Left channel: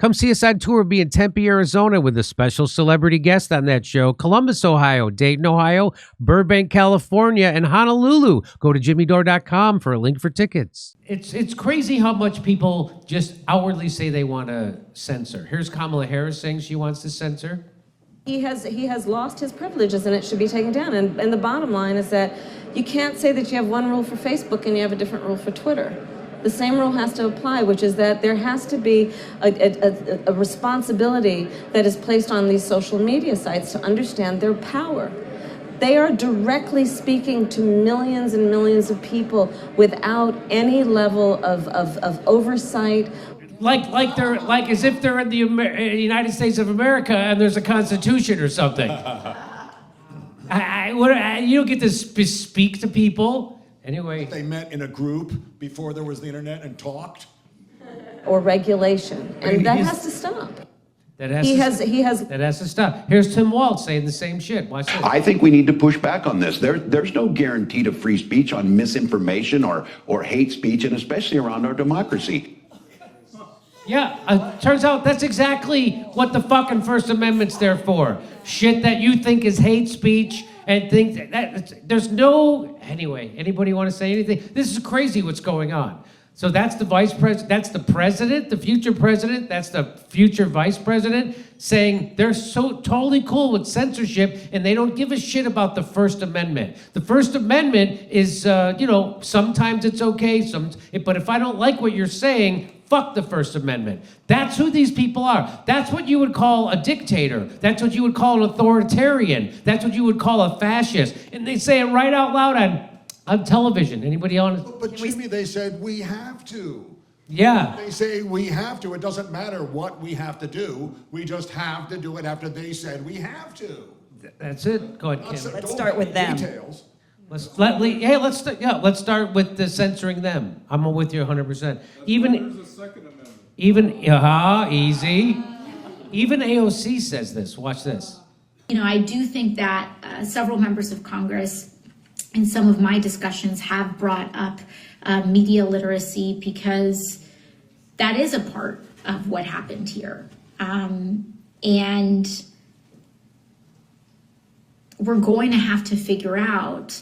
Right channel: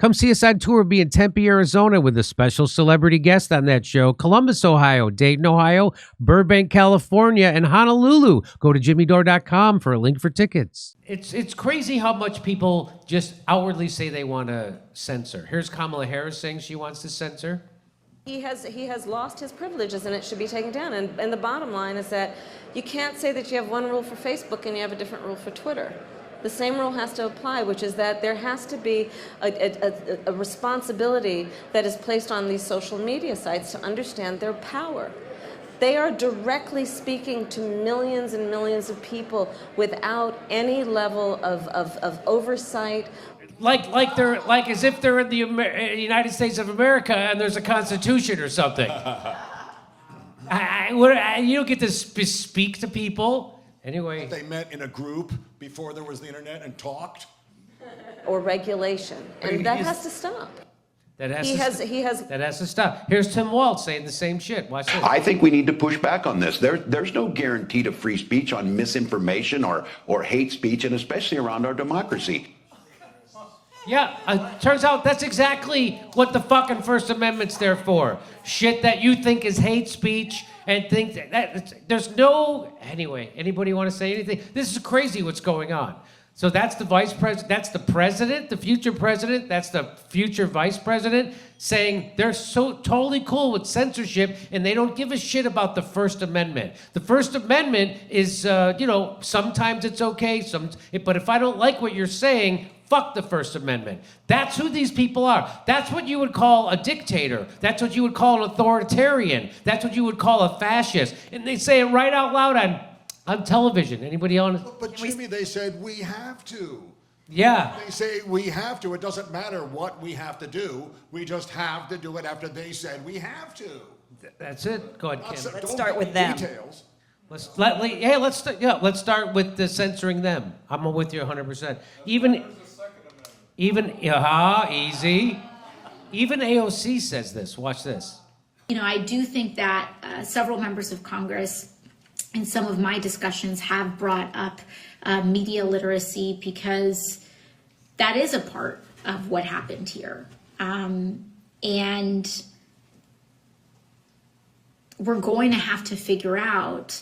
Come see us on tour. We'll be in Tempe, Arizona with a special celebrity guest on that show. Columbus, Ohio, Dayton, Ohio, Burbank, California, and Honolulu. Go to jimmydore.com for a link for tickets. It's crazy how much people just outwardly say they want to censor. Here's Kamala Harris saying she wants to censor. He has lost his privileges and it should be taken down. And the bottom line is that you can't say that you have one rule for Facebook and you have a different rule for Twitter. The same rule has to apply, which is that there has to be a responsibility that is placed on these social media sites to understand their power. They are directly speaking to millions and millions of people without any level of oversight. Like they're like as if they're in the United States of America and there's a constitution or something. You don't get to speak to people. Anyway, they met in a group before there was the internet and talked. Or regulation, and that has to stop. That has to stop. Here's Tim Walz saying the same shit. Watch this. I think we need to push back on this. There's no guarantee to free speech on misinformation or hate speech, and especially around our democracy. Yeah, turns out that's exactly what the fucking First Amendment's there for. Shit that you think is hate speech and think that there's no... Anyway, anybody want to say anything? This is crazy what's going on. So that's the vice president, that's the president, the future president, that's the future vice president saying they're so totally cool with censorship and they don't give a shit about the First Amendment. The First Amendment is, sometimes it's okay, but if I don't like what you're saying, fuck the First Amendment. That's who these people are. That's what you would call a dictator. That's what you would call an authoritarian. That's what you would call a fascist. And they say it right out loud on television. Anybody on? But Jimmy, they said we have to. Yeah. They say we have to. It doesn't matter what we have to do. We just have to do it after they said we have to. That's it. Go ahead, Kim. Let's start with them. Details. Let's start with the censoring them. I'm with you 100%. Even easy. Even AOC says this. Watch this. I do think that several members of Congress in some of my discussions have brought up media literacy because that is a part of what happened here. And we're going to have to figure out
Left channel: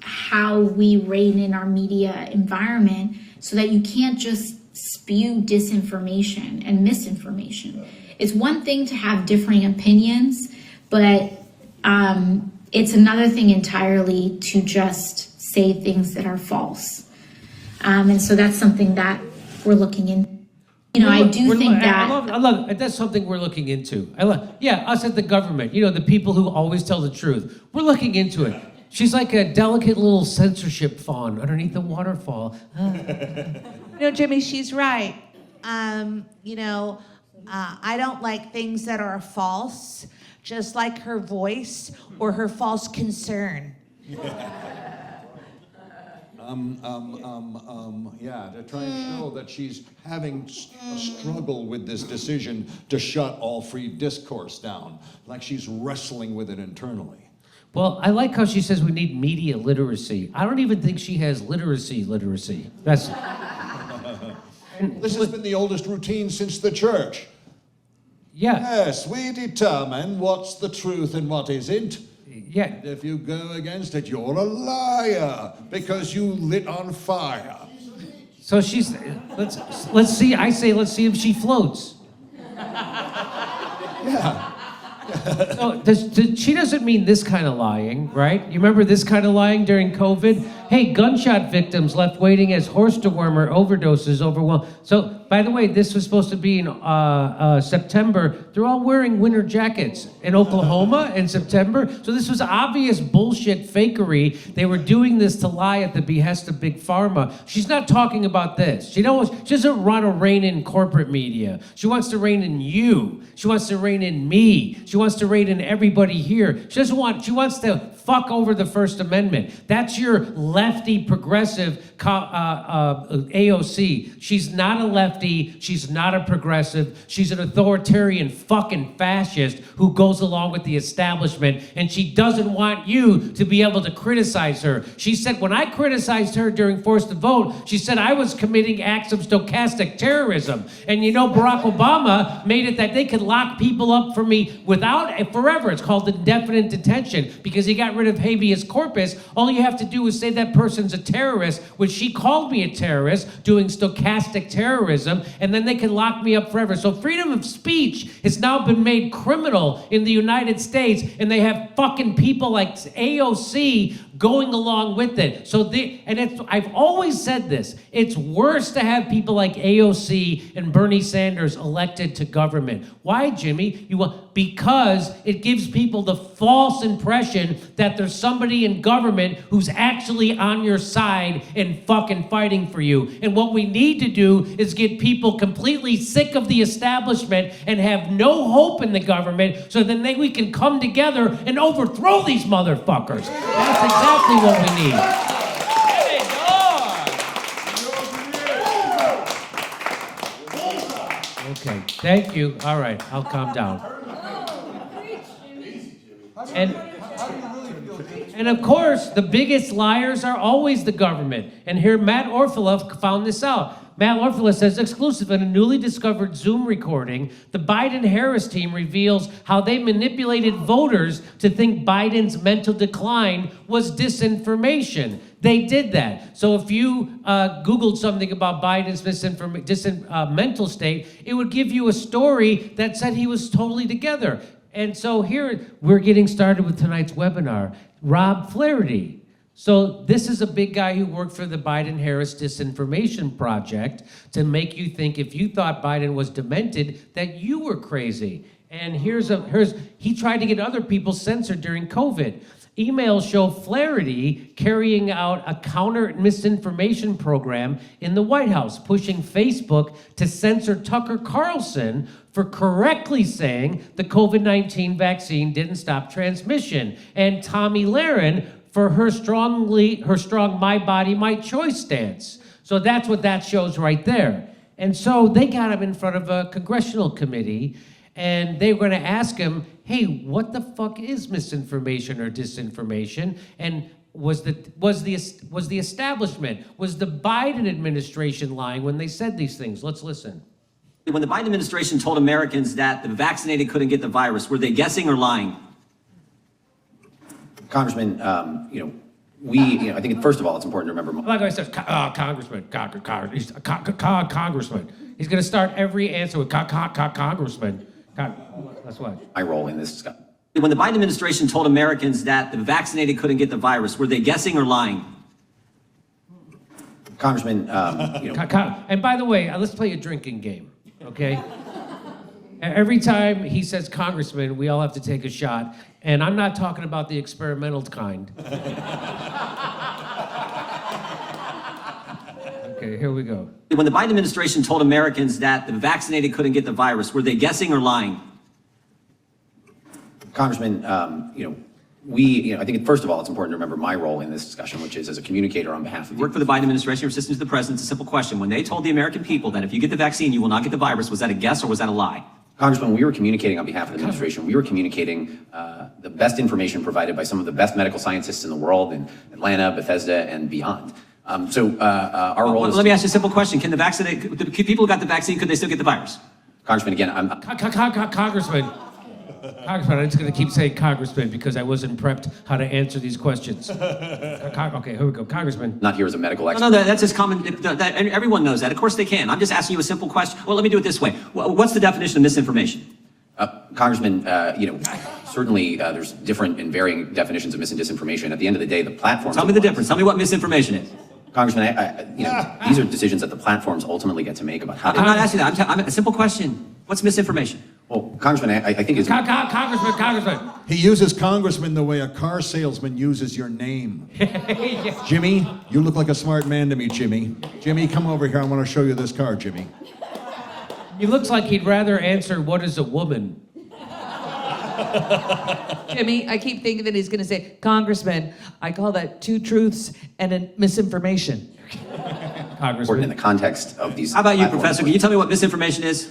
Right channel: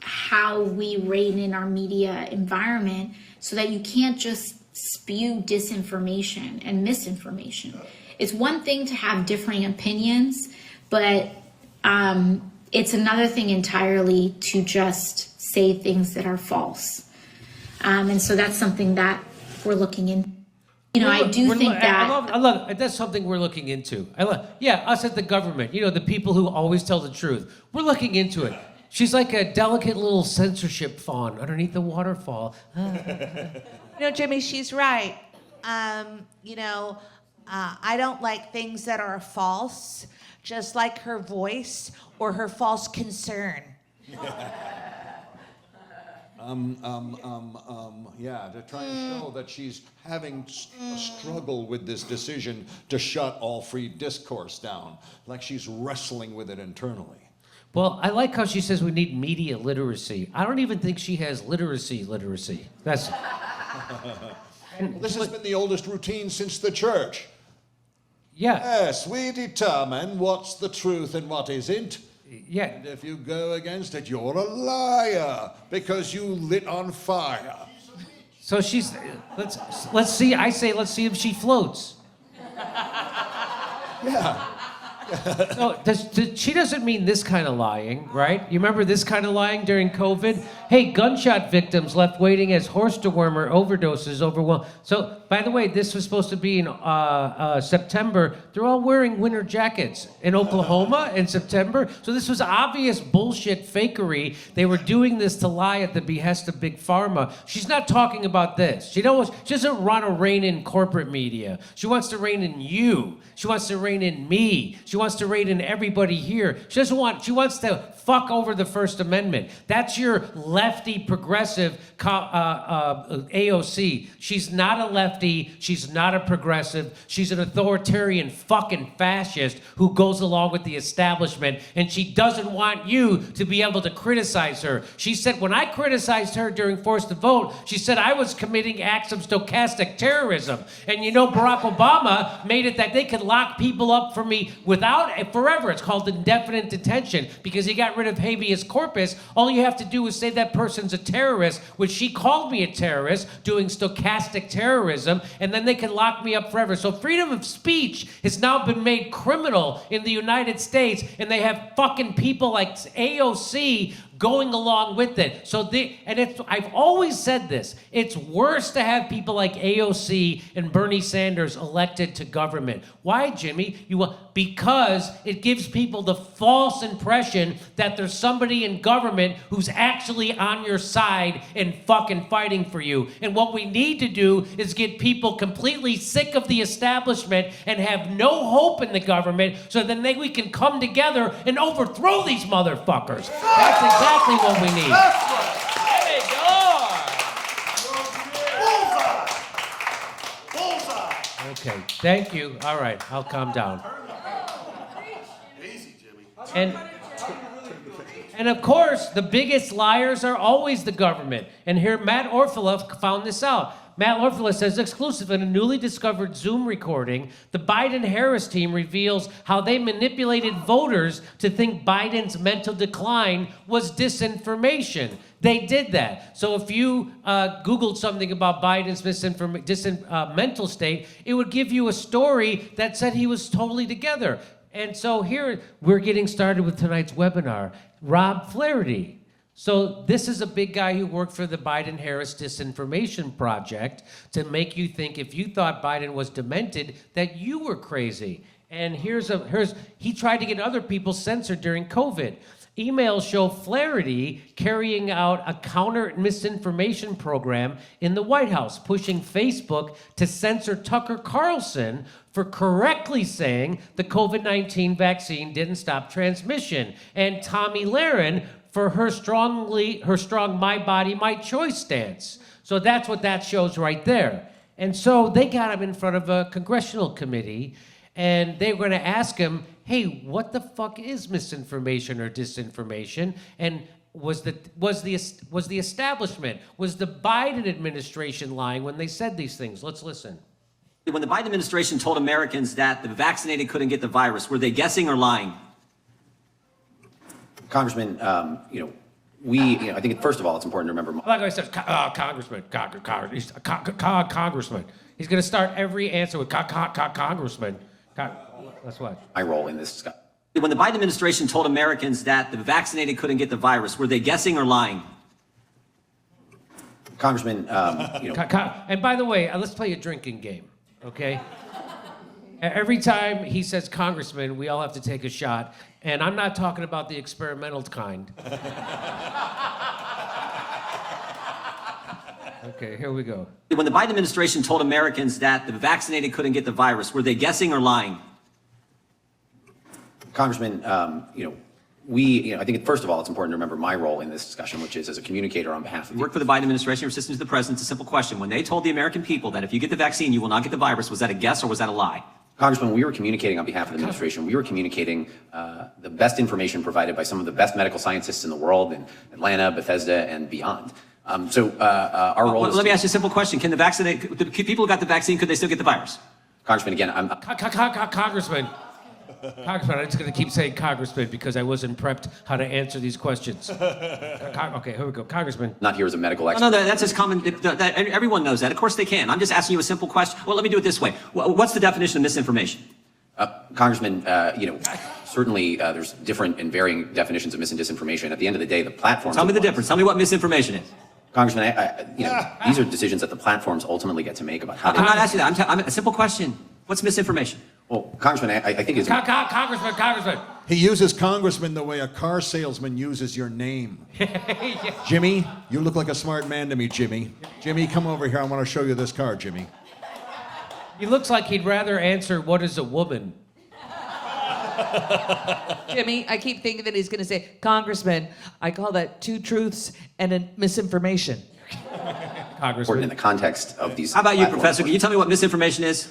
how we rein in our media environment so that you can't just spew disinformation and misinformation. It's one thing to have differing opinions, but it's another thing entirely to just say things that are false. And so that's something that we're looking in. I do think that... I love it. That's something we're looking into. Us at the government, the people who always tell the truth. We're looking into it. She's like a delicate little censorship fawn underneath the waterfall. Jimmy, she's right. I don't like things that are false, just like her voice or her false concern. To try and show that she's having a struggle with this decision to shut all free discourse down, like she's wrestling with it internally. Well, I like how she says we need media literacy. I don't even think she has literacy. That's... This has been the oldest routine since the church. Yeah. Yes, we determine what's the truth and what isn't. Yeah. And if you go against it, you're a liar because you lit on fire. So she's... Let's see. I say let's see if she floats. Yeah. So she doesn't mean this kind of lying, right? You remember this kind of lying during COVID? Hey, gunshot victims left waiting as horse dewormer overdoses overwhelmed. So, by the way, this was supposed to be in September. They're all wearing winter jackets in Oklahoma in September. So this was obvious bullshit fakery. They were doing this to lie at the behest of Big Pharma. She's not talking about this. She doesn't want to rein in corporate media. She wants to rein in you. She wants to rein in me. She She wants to rein in everybody here. She wants to fuck over the First Amendment. That's your lefty progressive AOC. She's not a lefty. She's not a progressive. She's an authoritarian fucking fascist who goes along with the establishment, and she doesn't want you to be able to criticize her. She said, when I criticized her during Forced to Vote, she said I was committing acts of stochastic terrorism. And you know, Barack Obama made it that they could lock people up for me forever. It's called indefinite detention because he got rid of habeas corpus. All you have to do is say that person's a terrorist, which she called me a terrorist, doing stochastic terrorism, and then they can lock me up forever. So freedom of speech has now been made criminal in the United States, and they have fucking people like AOC going along with it. I've always said this, it's worse to have people like AOC and Bernie Sanders elected to government. Why, Jimmy? Because it gives people the false impression that there's somebody in government who's actually on your side and fucking fighting for you. And what we need to do is get people completely sick of the establishment and have no hope in the government, so then we can come together and overthrow these motherfuckers. That's exactly what we need. Jimmy Dore! Okay, thank you. All right, I'll calm down. And of course, the biggest liars are always the government. And here, Matt Orfalea found this out. Matt Orfalea says, exclusive in a newly discovered Zoom recording, the Biden-Harris team reveals how they manipulated voters to think Biden's mental decline was disinformation. They did that. So if you Googled something about Biden's mental state, it would give you a story that said he was totally together. And so here, we're getting started with tonight's webinar. Rob Flaherty. So this is a big guy who worked for the Biden-Harris Disinformation Project to make you think if you thought Biden was demented, that you were crazy. And he tried to get other people censored during COVID. Emails show Flaherty carrying out a counter misinformation program in the White House, pushing Facebook to censor Tucker Carlson for correctly saying the COVID-19 vaccine didn't stop transmission, and Tomi Lahren for her strong my body, my choice stance. So that's what that shows right there. And so they got him in front of a congressional committee, and they were going to ask him, hey, what the fuck is misinformation or disinformation? And was the establishment, was the Biden administration lying when they said these things? Let's listen. When the Biden administration told Americans that the vaccinated couldn't get the virus, were they guessing or lying? Congressman, I think first of all, it's important to remember. Like I said, Congressman. He's going to start every answer with Congressman. Let's watch. My role in this discussion. When the Biden administration told Americans that the vaccinated couldn't get the virus, were they guessing or lying? Congressman, And by the way, let's play a drinking game, okay? Every time he says Congressman, we all have to take a shot. And I'm not talking about the experimental kind. Okay, here we go. When the Biden administration told Americans that the vaccinated couldn't get the virus, were they guessing or lying? Congressman, I think first of all, it's important to remember my role in this discussion, which is as a communicator on behalf of You work for the Biden administration, your assistant to the president. It's a simple question. When they told the American people that if you get the vaccine, you will not get the virus, was that a guess or was that a lie? Congressman, we were communicating on behalf of the administration. We were communicating the best information provided by some of the best medical scientists in the world in Atlanta, Bethesda, and beyond. Our role is... Let me ask you a simple question. Can the people who got the vaccine, could they still get the virus? Congressman, again, Congressman, I'm just going to keep saying Congressman because I wasn't prepped how to answer these questions. Okay, here we go. Congressman. Not here as a medical expert. No, that's as common. Everyone knows that. Of course they can. I'm just asking you a simple question. Well, let me do it this way. What's the definition of misinformation? Congressman, certainly there's different and varying definitions of mis and disinformation. At the end of the day, the platforms... Tell me the difference. Tell me what misinformation is. Congressman, these are decisions that the platforms ultimately get to make about how they... I'm not asking that. I'm a simple question. What's misinformation? Well, Congressman, I think it's... Congressman. He uses Congressman the way a car salesman uses your name. Yeah. Jimmy, you look like a smart man to me, Jimmy. Jimmy, come over here. I want to show you this car, Jimmy. He looks like he'd rather answer, what is a woman? Jimmy, I keep thinking that he's going to say, Congressman, I call that 2 truths and a misinformation. Important in the context of these. How about you, platforms. Professor? Can you tell me what misinformation is?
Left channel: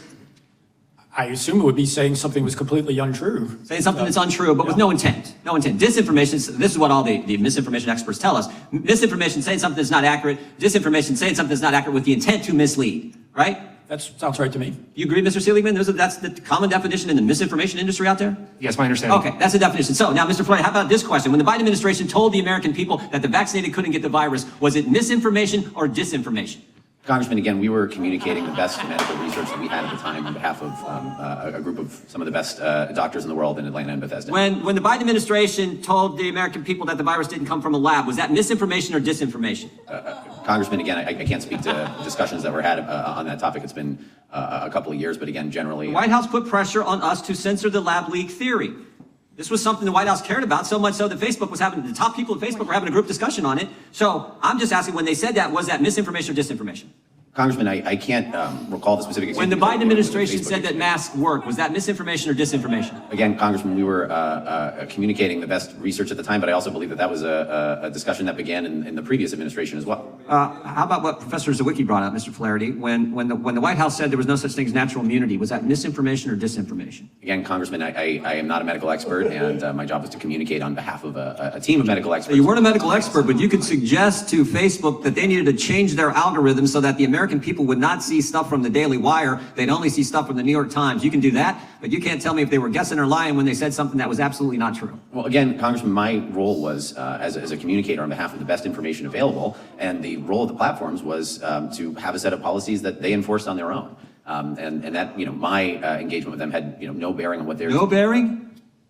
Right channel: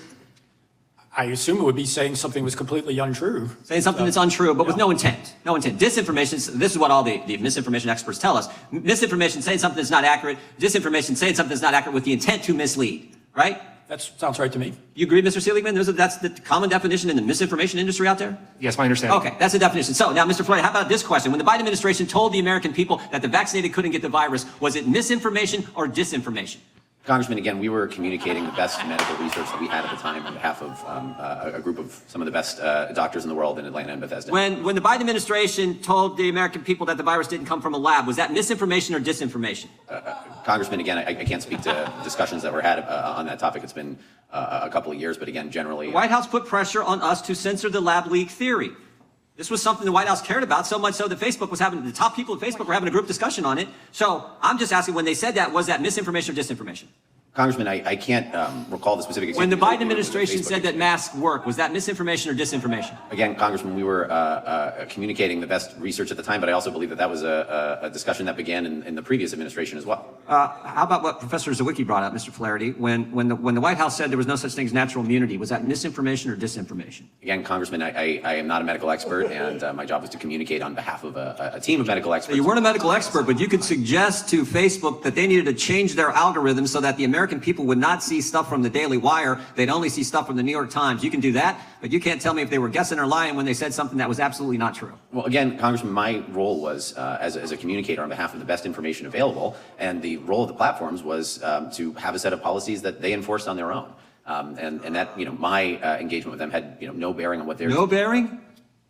I assume it would be saying something was completely untrue. Saying something that's untrue, but with no intent. No intent. Disinformation, this is what all the misinformation experts tell us. Misinformation, saying something that's not accurate. Disinformation, saying something that's not accurate with the intent to mislead, right? That sounds right to me. You agree, Mr. Seligman? That's the common definition in the misinformation industry out there? Yes, my understanding. Okay, that's the definition. So now, Mr. Floyd, how about this question? When the Biden administration told the American people that the vaccinated couldn't get the virus, was it misinformation or disinformation? Congressman, again, we were communicating the best medical research that we had at the time on behalf of a group of some of the best doctors in the world in Atlanta and Bethesda. When the Biden administration told the American people that the virus didn't come from a lab, was that misinformation or disinformation? Congressman, again, I can't speak to discussions that were had on that topic. It's been a couple of years, but again, generally. The White House put pressure on us to censor the lab leak theory. This was something the White House cared about, so much so that Facebook was having, the top people at Facebook were having a group discussion on it. So I'm just asking, when they said that, was that misinformation or disinformation? Congressman, I can't recall the specific example. When the Biden administration said that masks work, was that misinformation or disinformation? Again, Congressman, we were communicating the best research at the time, but I also believe that that was a discussion that began in the previous administration as well. How about what Professor Zawicki brought up, Mr. Flaherty? When the White House said there was no such thing as natural immunity, was that misinformation or disinformation? Again, Congressman, I am not a medical expert, and my job was to communicate on behalf of a team of medical experts. So you weren't a medical expert, but you could suggest to Facebook that they needed to change their algorithm so that the American people would not see stuff from the Daily Wire. They'd only see stuff from the New York Times. You can do that, but you can't tell me if they were guessing or lying when they said something that was absolutely not true. Well, again, Congressman, my role was as a communicator on behalf of the best information available, and the role of the platforms was to have a set of policies that they enforced on their own. And that, my engagement with them had, no bearing on what they're... No bearing?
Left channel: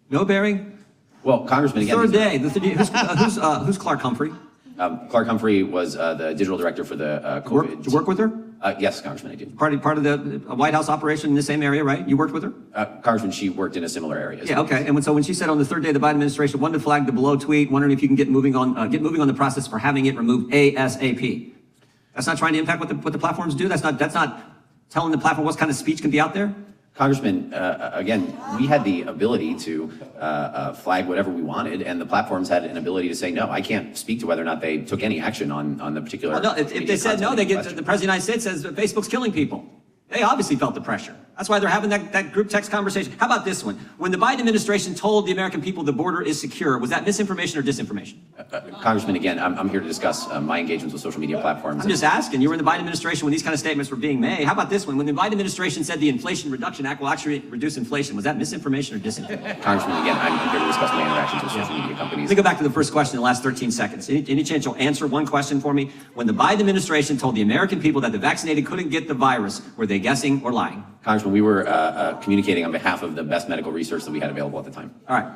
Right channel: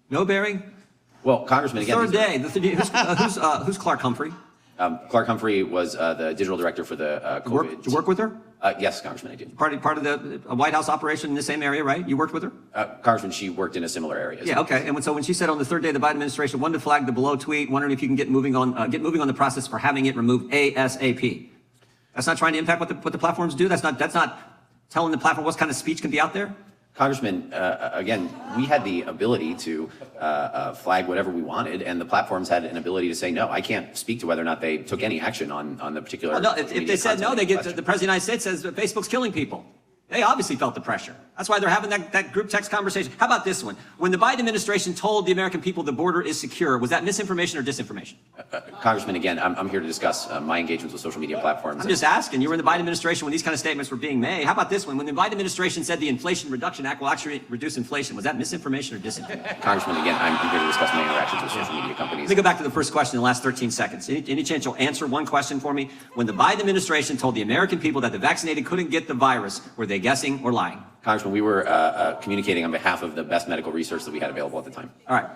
No bearing? Well, Congressman, again... Third day. Who's Clark Humphrey? Clark Humphrey was the digital director for the COVID. Did you work with her? Yes, Congressman, I did. Part of the White House operation in the same area, right? You worked with her? Congressman, she worked in a similar area. Yeah, okay. And so when she said on the third day of the Biden administration, wanted to flag the below tweet, wondering if you can get moving on the process for having it removed ASAP. That's not trying to impact what the platforms do. That's not telling the platform what kind of speech can be out there. Congressman, again, we had the ability to flag whatever we wanted, and the platforms had an ability to say no. I can't speak to whether or not they took any action on the particular. Well, no, if they said no, they get the President of the United States says that Facebook's killing people. They obviously felt the pressure. That's why they're having that group text conversation. How about this one? When the Biden administration told the American people the border is secure, was that misinformation or disinformation? Congressman, again, I'm here to discuss my engagements with social media platforms. I'm just asking. You were in the Biden administration when these kind of statements were being made. How about this one? When the Biden administration said the Inflation Reduction Act will actually reduce inflation, was that misinformation or disinformation? Congressman, again, I'm here to discuss my interactions with social media companies. Let me go back to the first question in the last 13 seconds. Any chance you'll answer one question for me? When the Biden administration told the American people that the vaccinated couldn't get the virus, were they guessing or lying? Congressman, we were communicating on behalf of the best medical research that we had available at the time. All right.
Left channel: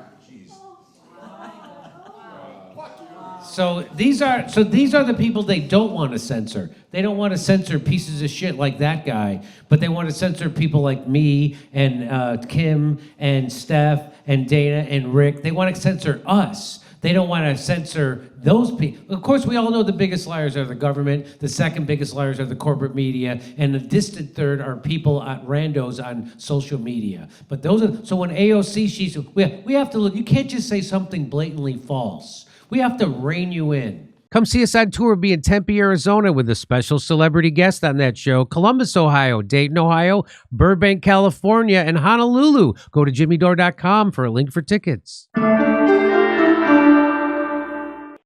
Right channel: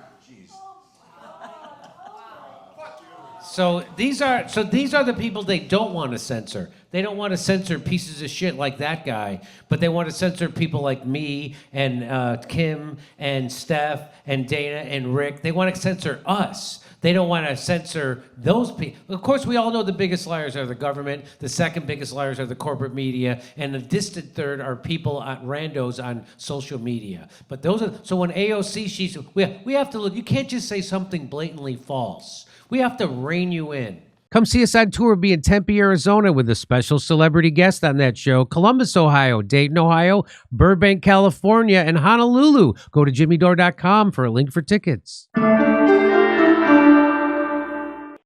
So these are the people they don't want to censor. They don't want to censor pieces of shit like that guy, but they want to censor people like me and Kim and Steph and Dana and Rick. They want to censor us. They don't want to censor those people. Of course, we all know the biggest liars are the government. The second biggest liars are the corporate media. And the distant third are people at randos on social media. But those are, so when AOC, we have to look, you can't just say something blatantly false. We have to rein you in. Come see us on tour. We'll be in Tempe, Arizona with a special celebrity guest on that show. Columbus, Ohio, Dayton, Ohio, Burbank, California, and Honolulu. Go to jimmydore.com for a link for tickets.